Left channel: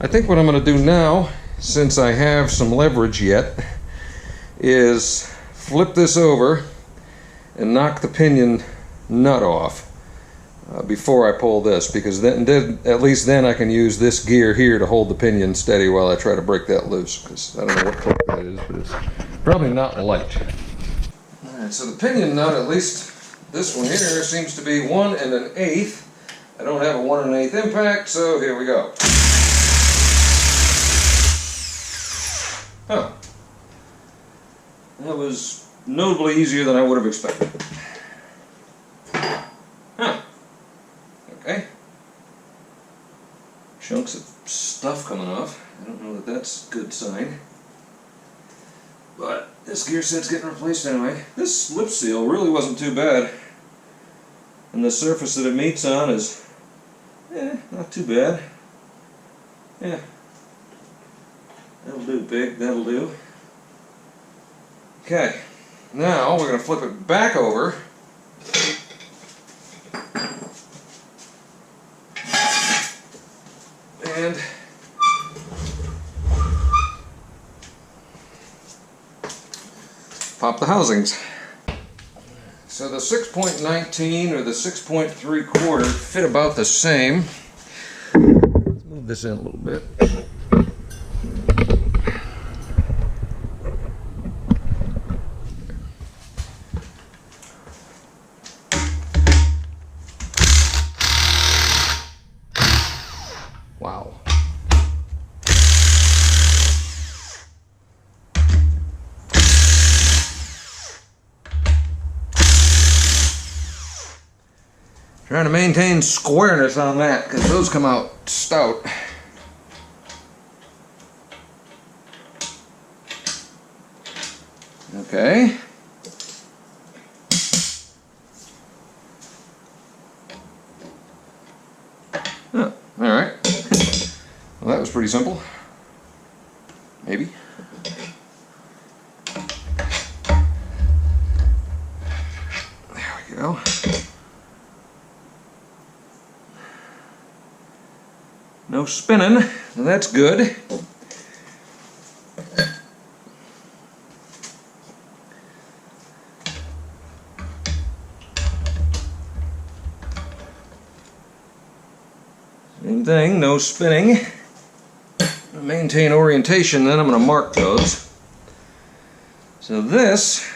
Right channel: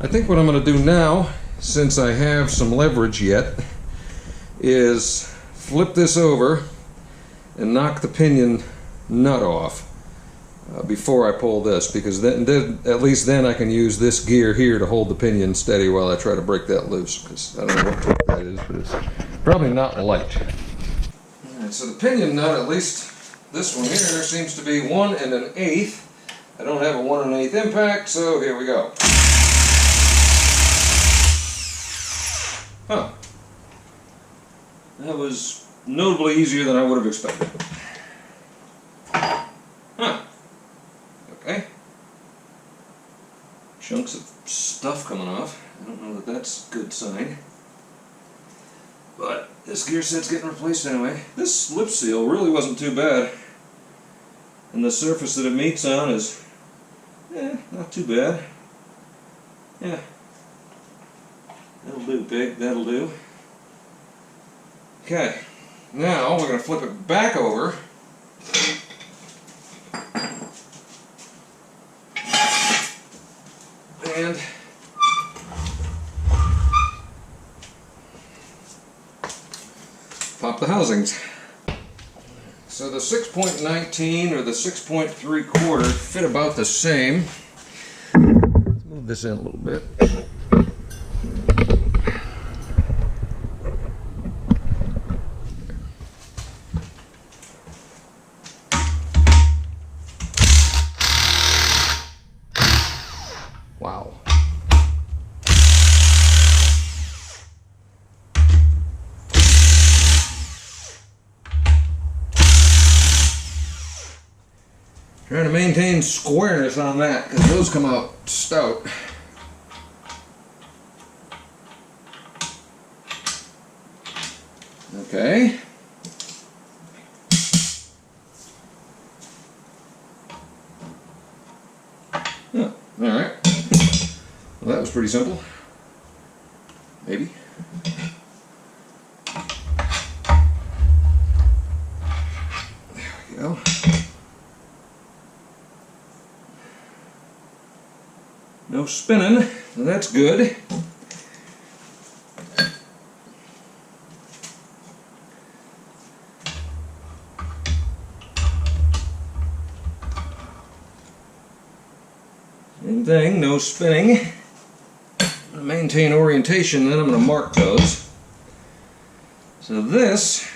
I think what I'm going to do now, since I have some leverage yet, is flip this over and knock the pinion nut off before I pull this, because then at least then I can use this gear here to hold the pinion steady while I try to break that loose, because I don't know what torque that is, but it's probably not light. Alright, so the pinion nut, at least this one here, seems to be 1 1/8. I don't have a 1 1/8 impact, so here we go. Huh. That was notably easier than I would have expected. Huh. Okay. Chunks of stuff coming off. I don't know that that's a good sign. But this gear set's getting replaced anyway. This lip seal really wasn't too bad. And the surface that it meets on is, not too bad. Yeah. That'll do, pig. That'll do. Okay. Now we're going to flip it back over. And pop the housings. So the 6.19 or the 6.75 fit about the same. Let's move this in a little bit. Wow. Trying to maintain squareness on that, because those come out stout. Okay. Oh, all right. Well, that was pretty simple. Maybe. There we go. No spinning, that's good. Same thing, no spinning. Maintain orientation, then I'm going to mark those. So this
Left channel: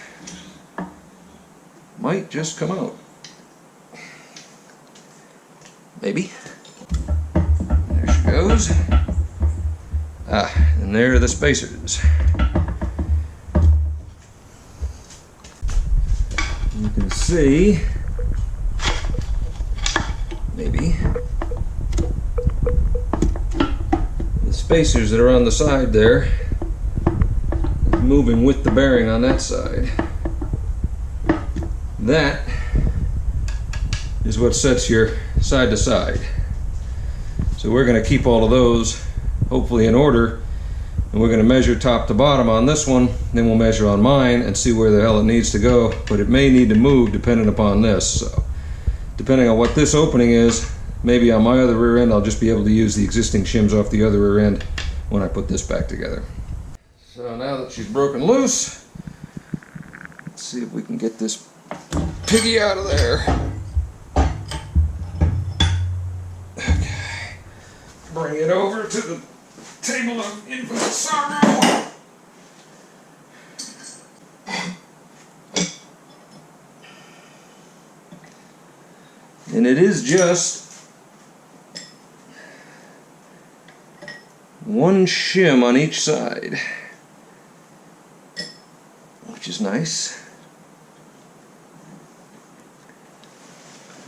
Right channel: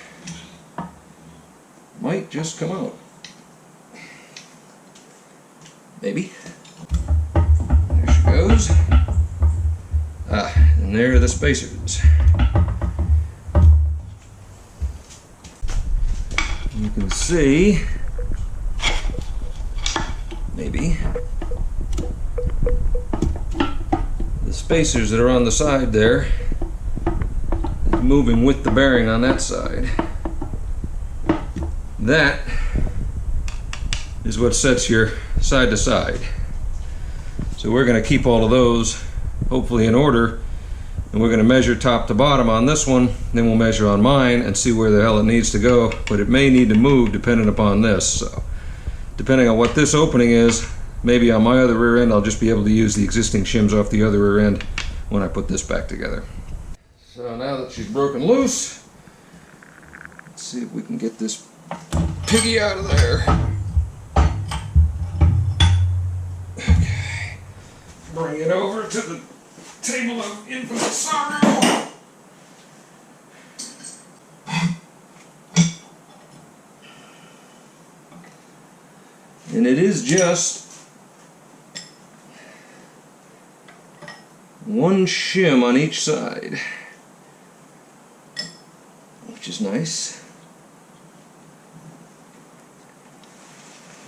might just come out. Maybe. There she goes. And there are the spacers. You can see, maybe, the spacers that are on the side there is moving with the bearing on that side. That is what sets your side to side. So we're going to keep all of those hopefully in order, and we're going to measure top to bottom on this one, then we'll measure on mine and see where the hell it needs to go, but it may need to move depending upon this. So depending on what this opening is, maybe on my other rear end I'll just be able to use the existing shims off the other rear end when I put this back together. So now that she's broken loose, let's see if we can get this piggy out of there. Okay, bring it over to the table of infinite sorrow. And it is just one shim on each side, which is nice.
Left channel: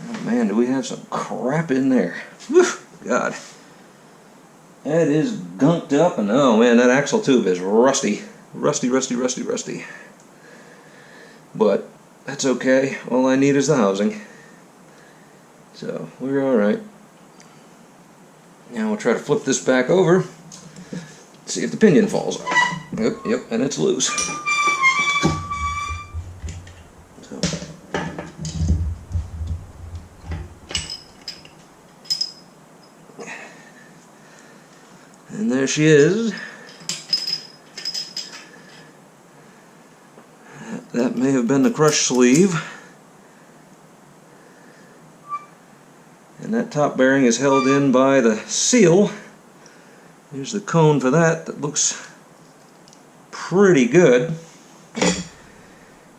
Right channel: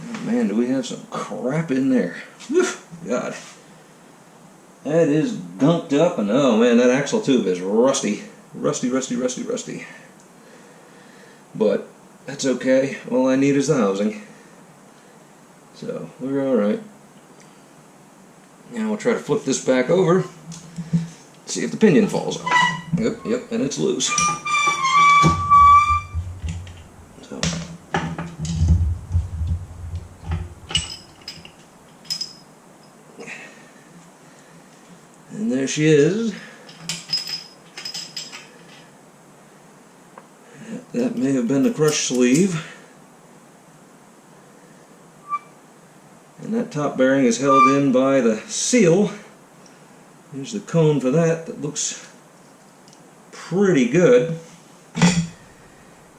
Oh man, do we have some crap in there. Whew, God. That is gunked up, and oh man, that axle tube is rusty. Rusty, rusty, rusty, rusty. But that's okay. All I need is the housing. So we're alright. Now we'll try to flip this back over, see if the pinion falls off. Yep, and it's loose. So And there she is. That may have been the crush sleeve. And that top bearing is held in by the seal. Here's the cone for that. That looks pretty good.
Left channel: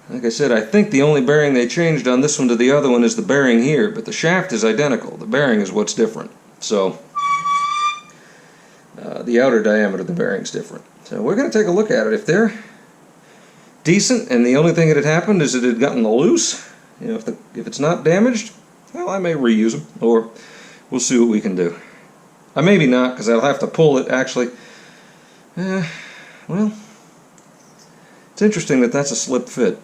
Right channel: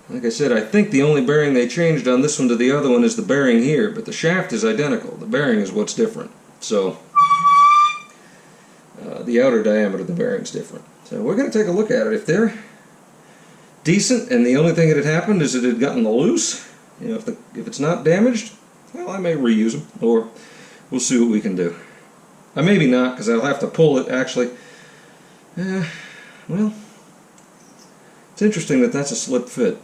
Like I said, I think the only bearing they changed on this one to the other one is the bearing here, but the shaft is identical. The bearing is what's different. So the outer diameter of the bearing is different. So we're going to take a look at it. If they're decent and the only thing that had happened is it had gotten loose, you know, if it's not damaged, well, I may reuse them, or we'll see what we can do. Maybe not, because I'll have to pull it actually. Well, it's interesting that that's a slip fit.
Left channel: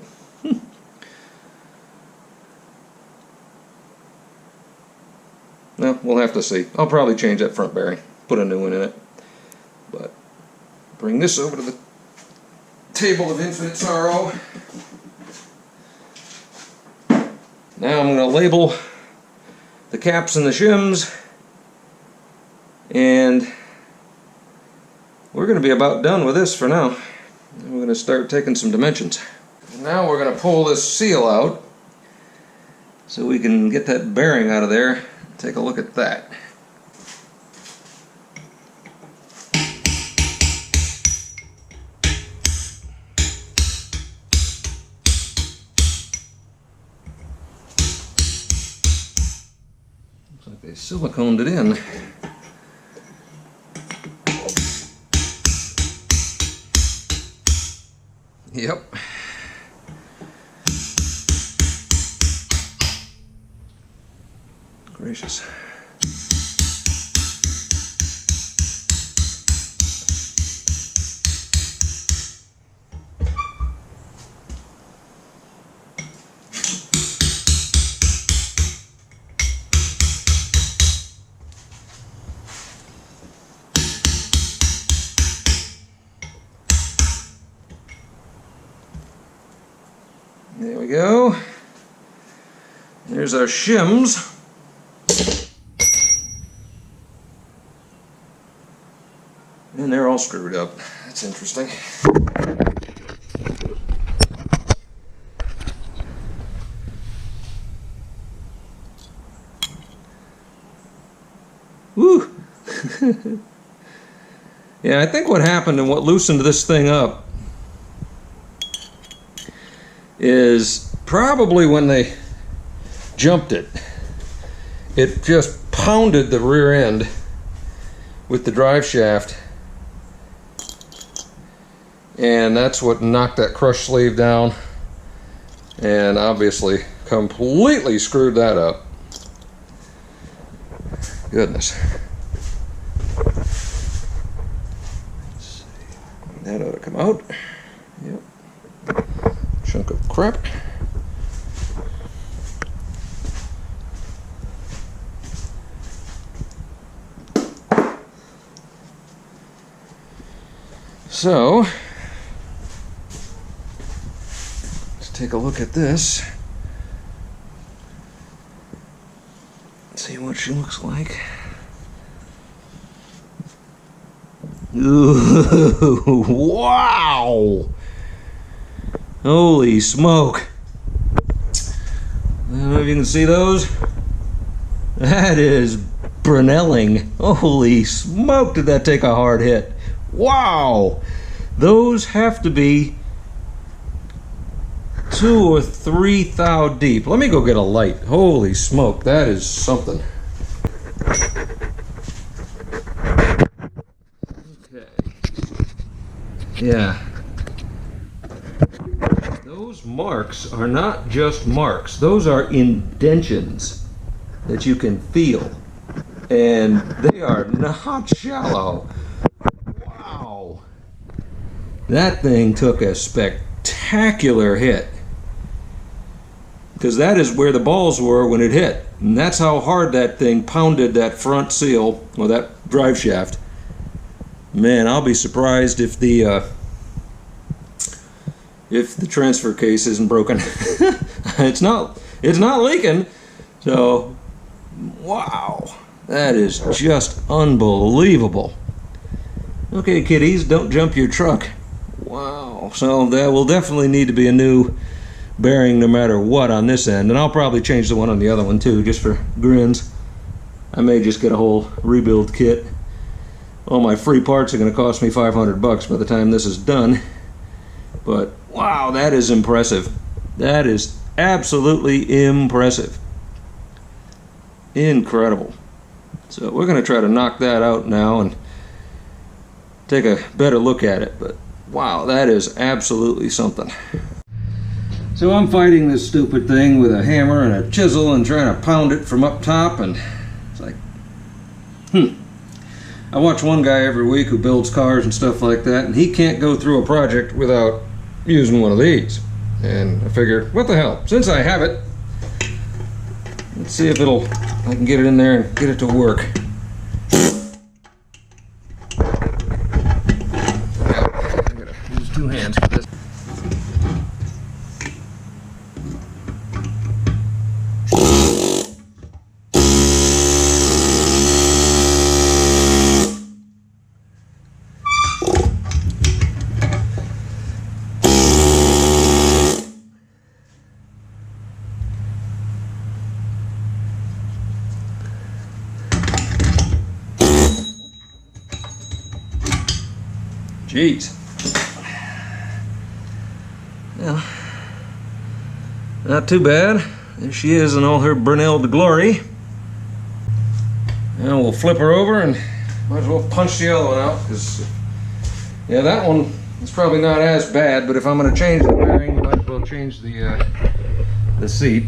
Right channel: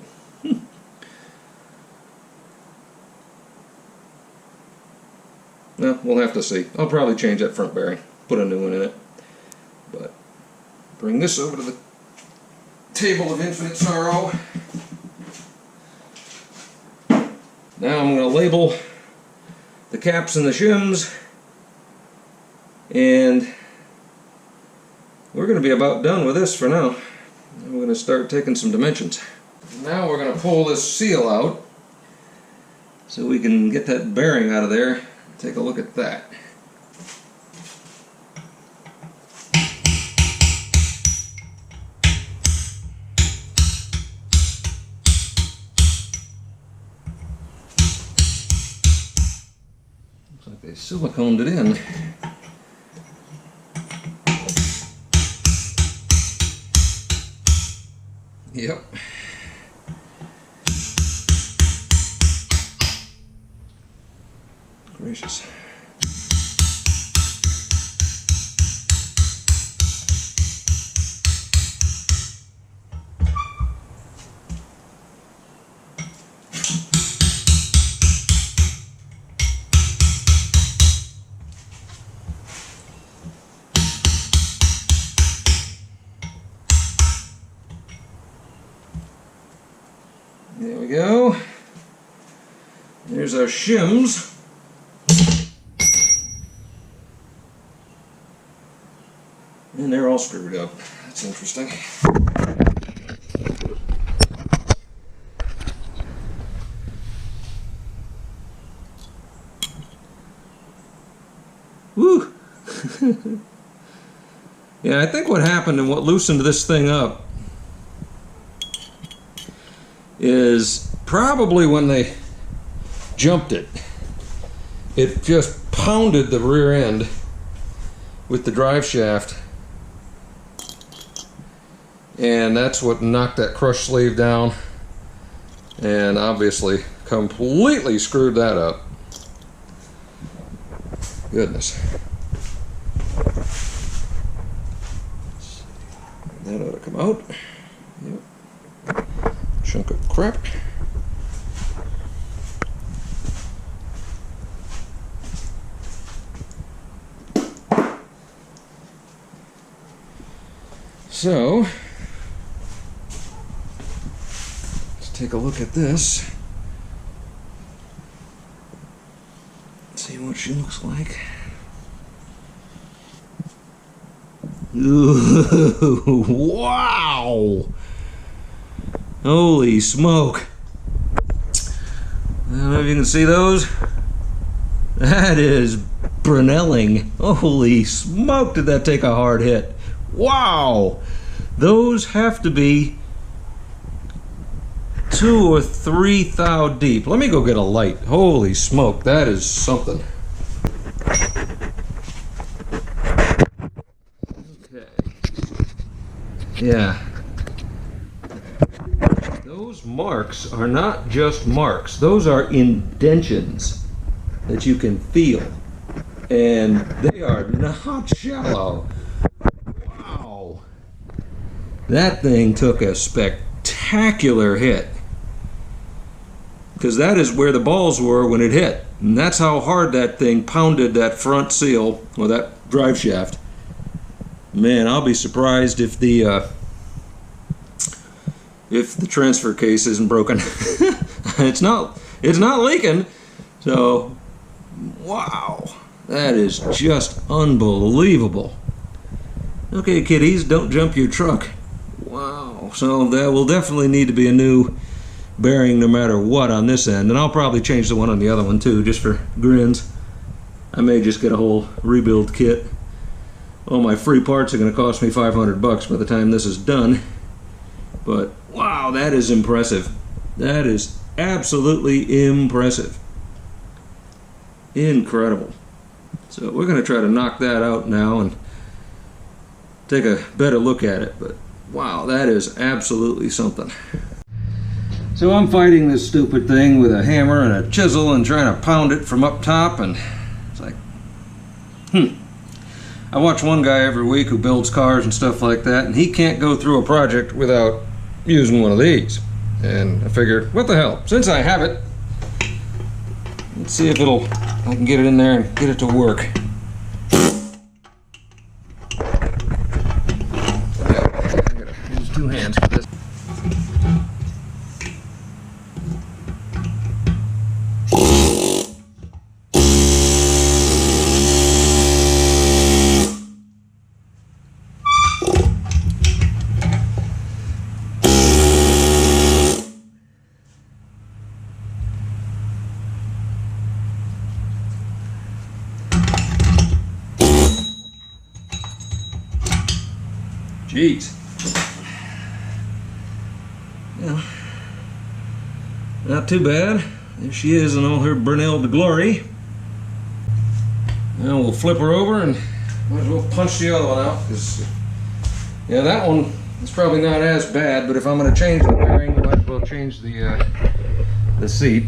Well, we'll have to see. I'll probably change that front bearing, put a new one in it. But bring this over to the table of infinite sorrow. Now I'm going to label the caps and the shims, and we're going to be about done with this for now. We're going to start taking some dimensions. Now we're going to pull this seal out so we can get that bearing out of there. Take a look at that. Looks like they siliconed it in. Yep. Gracious. There we go. Here's our shims. And they're all screwed up. That's interesting. Woo! Yeah, I think what happened and what loosened this thing up is probably when they jumped it. It just pounded the rear end with the drive shaft, and that's what knocked that crush sleeve down and obviously completely screwed that up. Goodness. Let's see. That ought to come out. Yep. Chunk of crap. So, let's take a look at this. Let's see what she looks like. Ooh, wow! Holy smoke! I don't know if you can see those. That is Brunelling. Holy smoke, did that take a hard hit. Wow! Those have to be 2 or 3 thou deep. Let me go get a light. Holy smoke, that is something. Okay. Yeah. Those marks are not just marks. Those are indentions that you can feel. And they are not shallow. Wow. That thing took a spectacular hit. Because that is where the balls were when it hit. And that's how hard that thing pounded that front seal, or that drive shaft. Man, I'll be surprised if the transfer case isn't broken. It's not leaking. So, wow. That is just unbelievable. Okay, kiddies, don't jump your truck. Wow, so that will definitely need to be a new bearing no matter what on this end, and I'll probably change the one on the other one too, just for grins. I may just get a whole rebuild kit. All my free parts are going to cost me $500 by the time this is done. But wow, that is impressive. That is absolutely impressive. Incredible. So we're going to try to knock that out now and take a better look at it. But wow, that is absolutely something. So I'm fighting this stupid thing with a hammer and a chisel and trying to pound it from up top, and it's like, I watch one guy every week who builds cars and stuff like that, and he can't go through a project without using one of these. And I figured, what the hell, since I have it, let's see if I can get it in there and get it to work. Yeah, I gotta use two hands for this. Jeez. Well, not too bad. There she is in all her Brunhilde glory. Now we'll flip her over and might as well punch the other one out, because yeah, that one is probably not as bad, but if I'm going to change the bearing, you might as well change the seat.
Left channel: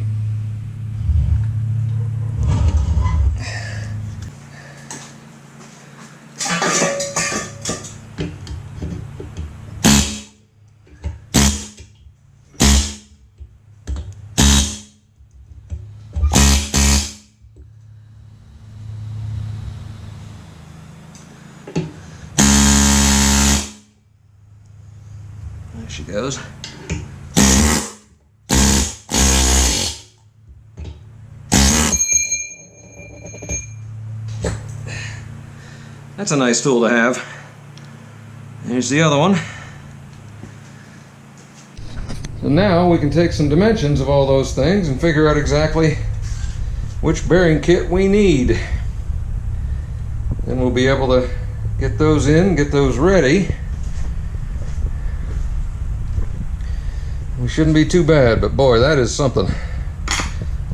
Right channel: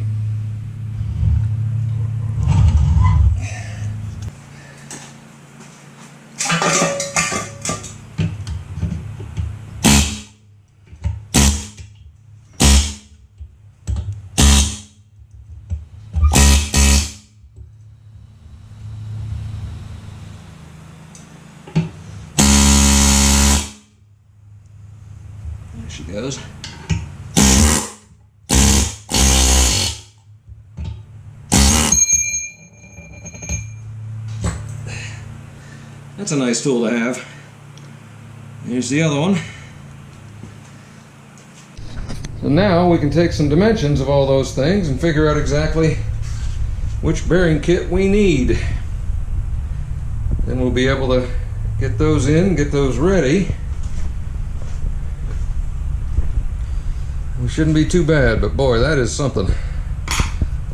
There she goes. That's a nice tool to have. Here's the other one. So now we can take some dimensions of all those things and figure out exactly which bearing kit we need. Then we'll be able to get those in, get those ready. We shouldn't be too bad, but boy, that is something.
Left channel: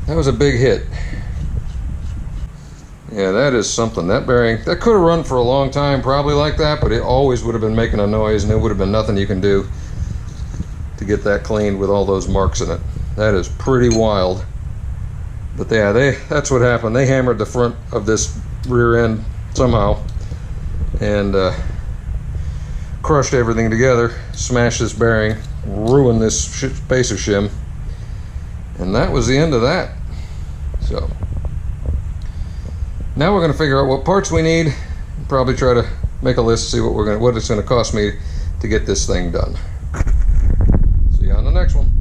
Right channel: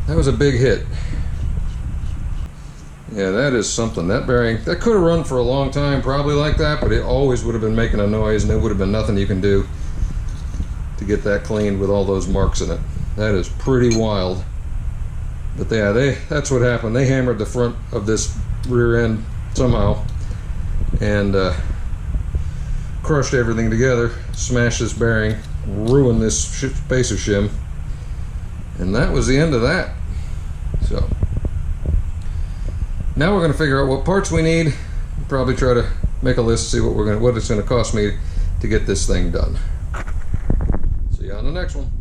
That was a big hit. Yeah, that is something. That bearing, that could have run for a long time probably like that, but it always would have been making a noise, and there would have been nothing you can do to get that cleaned with all those marks in it. That is pretty wild. But yeah, that's what happened. They hammered the front of this rear end somehow and crushed everything together, smashed this bearing, ruined this spacer shim, and that was the end of that. So now we're going to figure out what parts we need, probably try to make a list, see what it's going to cost me to get this thing done. See you on the next one.